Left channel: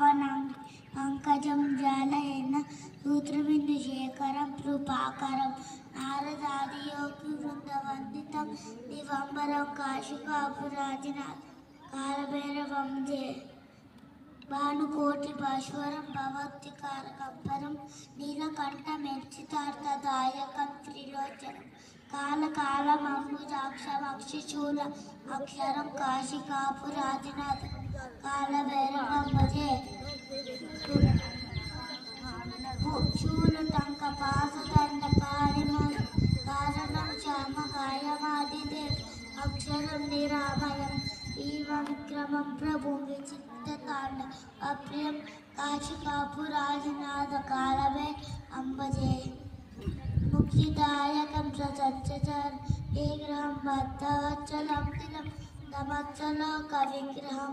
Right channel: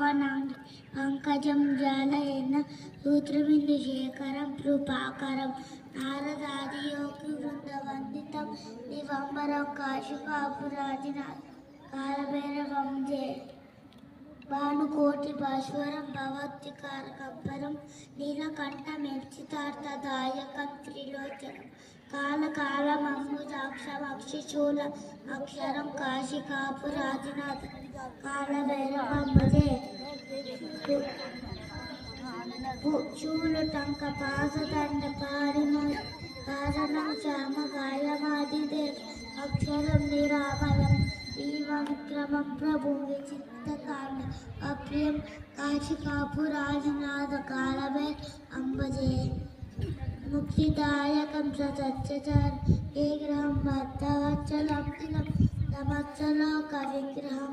పావనం పంకజం జాలయన సూత్రబిందుశేఖరం కృపాకరం నారదాది యోగి వృందవందితం దివంబరం కాశికాపురాజినాథ్ కాలభైరవం జయ భానుకోటి భాస్వరం భగవత్కారకంపరం నీలకంఠమెర్చితార్థదాయకం త్రిలోచనం కాలకాలమమృతాక్షరమక్షిశూల అక్షరం కాశికాపురాజినాథ్ కాలభైరవం భజే శూలటంక పాసదండ కారణం శ్యామకాయమాదిదే అక్షరం నిరామయం ఈవ విక్రమం ప్రభు విచిత్తకాండ అప్రియం కాశికాపురాజినాథ కాలభే అంబజే ముక్తిదాయకం సత్యచర్ విగ్రహం భక్తవత్సలం సమస్తలోక విగ్రహం